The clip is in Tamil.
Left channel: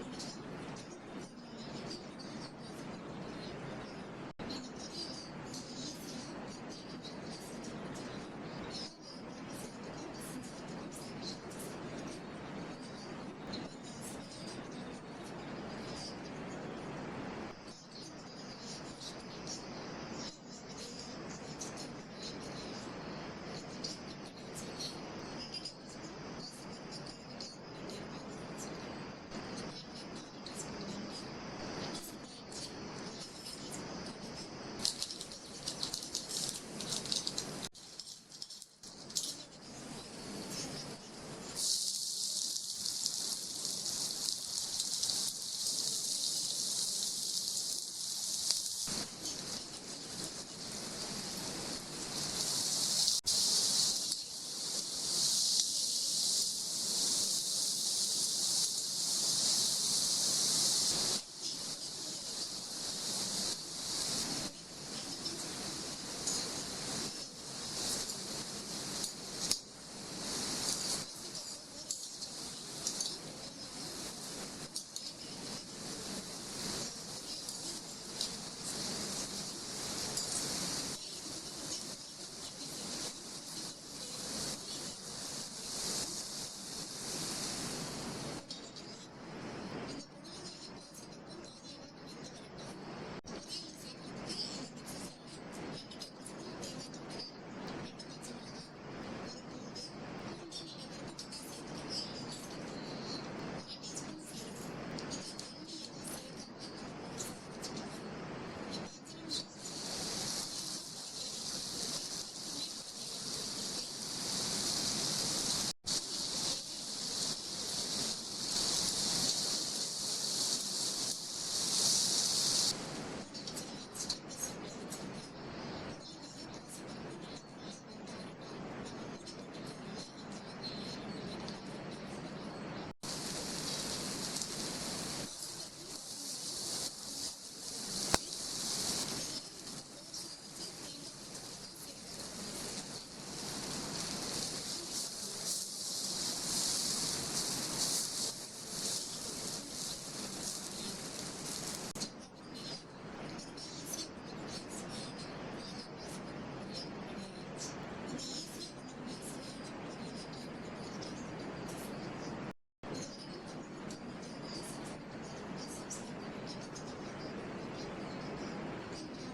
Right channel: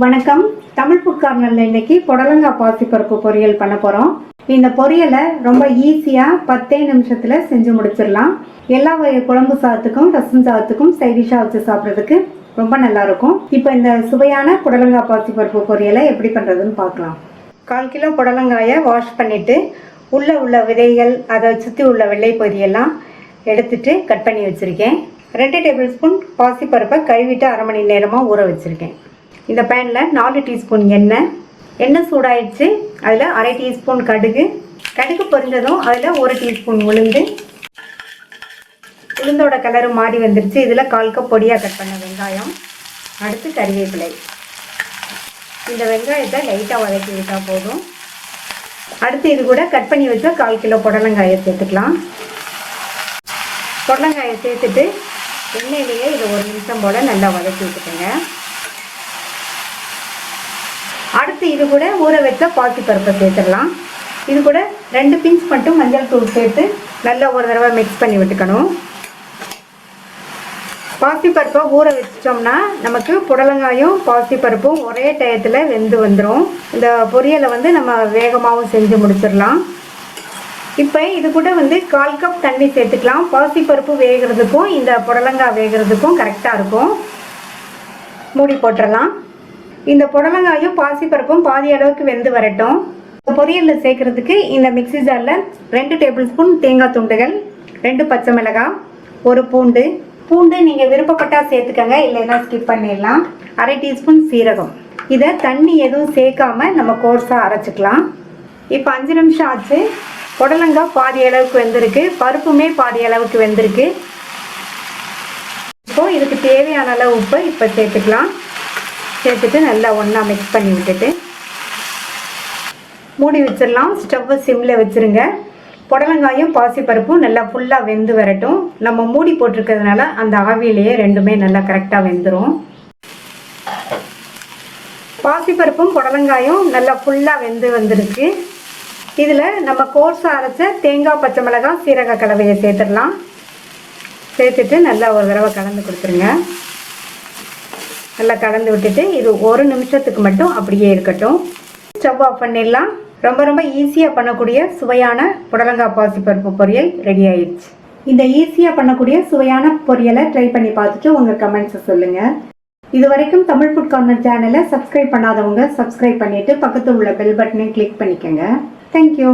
வணக்கம். தமிழ் ஃபுட் கார்னர்ல இன்னைக்கு புடலங்காய் பாசிப்பருப்பு பொரியல் பண்ண போறோம். இந்த பொரியலை ரொம்ப ஈஸியா 10 நிமிஷத்துல செஞ்சு முடிச்சிடலாம். எல்லா வகை குழம்பு சாதத்துக்கும் ரசம் சாதத்துக்கும் சைட் டிஷ்ஷா வச்சு சாப்பிட்றதுக்கு ரொம்ப நல்லா இருக்கும். இப்போ இந்த சுவையான புடலங்காய் பாசிப்பருப்பு பொரியலை எப்படி பண்றதுன்னு பார்க்கலாம். 1/4 கிலோ புடலங்காயை வாஷ் பண்ணிட்டு உள்ள விதைகள் அதை சுற்றி உள்ள வெள்ளை பகுதியெல்லாம் எடுத்துட்டு கட் பண்ணி வச்சிருக்கேன். 2 டேபிள் ஸ்பூன் பாசிப்பருப்பை கழுவிட்டு 1/2 மணி நேரமாக ஊற வச்சுருக்கேன். இந்த பேனில் 4 டீஸ்பூன் எண்ணெய் சூடாயிடுச்சு. அதில் 1/2 டீஸ்பூன் கடுகு பொரிஞ்சதும் அதில் 1 டீஸ்பூன் உளுந்தோட கலரு மாறி வந்துருச்சு. இதில் 1/4 கப் பொடியாக கட் பண்ண வெங்காயம், அடுத்து கறிவேப்பிலை. இந்த வெங்காயத்தை லைட்டாக வதக்கி விட்டால் போதும். அடுத்து இது கூட கட் பண்ணி வச்ச 1/4 கிலோ புடலங்காயை சேர்த்துக்கலாம். புடலங்காயை சேர்த்துட்டு எண்ணெயிலேயே இது 1 நிமிஷம் போல் நல்லா வதக்கி விட்டுக்கோங்க. அடுத்து இது கூட ஊற வச்ச பாசிப்பருப்பை சேர்த்துடலாம். இது கூட 2 பிஞ்ச் மட்டும் மஞ்சள் தூள் சேர்த்து நல்லா ஒரு தடவை மிக்ஸ் பண்ணி விட்டுக்கணும். பாசிப்பருப்பை ஊற வச்சிட்டோம்னா நமக்கு புடலங்காயும் பாசிப்பருப்பும் ஒரே டயத்தில் வெந்து வந்துடும். இந்த பொரியலை நம்ம வேகமாகவும் செஞ்சு முடிச்சிடலாம். இப்போ இது கூட 1/4 கப் தண்ணி சேர்த்துக்கலாம். பாசிப்பருப்பு வேகிறதுக்கும் இந்த புடலங்காய் வேகிறதுக்கும் கரெக்டாக இருக்கும். மூடி போட்டுடலாம். இந்த புடலங்காயும் பாசிப்பருப்பும் பாதி அளவுக்கு வெந்து வரட்டும். பொரியலில் சேர்க்கறதுக்கு இந்த மிக்ஸி ஜாரில் 2 டேபிள் ஸ்பூன் தேங்காய் துண்டுகள், 2 பச்சை மிளகாய், 1 பூண்டு நீங்கள் விருப்பப்பட்டால் சேர்த்துக்கங்க, இல்லைன்னா ஸ்கிப் பண்ணிடலாம். 1/2 டீஸ்பூன் சீரகம். இதை தண்ணி எதுவும் சேர்க்காம நம்ம கோர்ஸாக அரைச்சிக்கலாம். இப்போ 5 நிமிஷம் ஆச்சு. புடலங்காய் பாதி அளவுக்கு வெந்திருக்கு, பருப்புமே பாதி அளவுக்கு வெந்திருக்கு. இப்போது இதுக்கு தேவையான அளவு உப்பு இப்போ சேர்த்துக்கலாம். சேர்த்துட்டு நல்லா ஒன்றா மிக்ஸ் பண்ணி விட்டுட்டு மூடி வச்சிடலாம். ஸ்டவ்வை சிம்மில் வச்சுருங்க. புடலங்காயும் பாசிப்பருப்பும் நல்லா ஃபுல்லாக வெந்து வரட்டும். நம்ம மூடி போட்டிருக்கிறதுனால அந்த ஆவியிலேயே ரெண்டுமே நல்லா கரெக்டாக வெந்துடும். பாசிப்பருப்பும் புடலங்காயும் நல்லா ஃபுல்லாக வெந்து வந்துருக்கு. இதில் நம்ம கோர்ஸாக அரைச்ச தேங்காய், பச்சை மிளகாய், சீரக கலவையை சேர்த்துடலாம். சேர்த்துட்டு நல்லா ஒரு தடவை கலந்து கொடுத்துருங்க. நல்லா கலந்து விட்டுட்டு இது 1 நிமிஷத்துக்கு மட்டும் அப்படியே இருக்கட்டும். ஸ்டவ் ஆஃப் பண்ணிடலாம். ரொம்ப ஈஸியாக பண்ணக்கூடிய சுவையான புடலங்காய் பாசிப்பருப்பு பொரியல் ரெடி ஆயிடுச்சு. இந்த ஈஸியாக பண்ணக்கூடிய சுவையான பொரியலை ட்ரை பண்ணி பார்த்துட்டு உங்கள் கமெண்ட்ஸை சொல்லுங்கள். இது வரைக்கும் தமிழ் ஃபுட் கார்னர் சேனலை சப்ஸ்கிரைப் பண்ணாதவங்க சப்ஸ்கிரைப் பண்ணிவிட்டு பக்கத்தில் உள்ள பெல் பட்டனை கிளிக் பண்ணிக்கோங்க. தேங்க்யூ.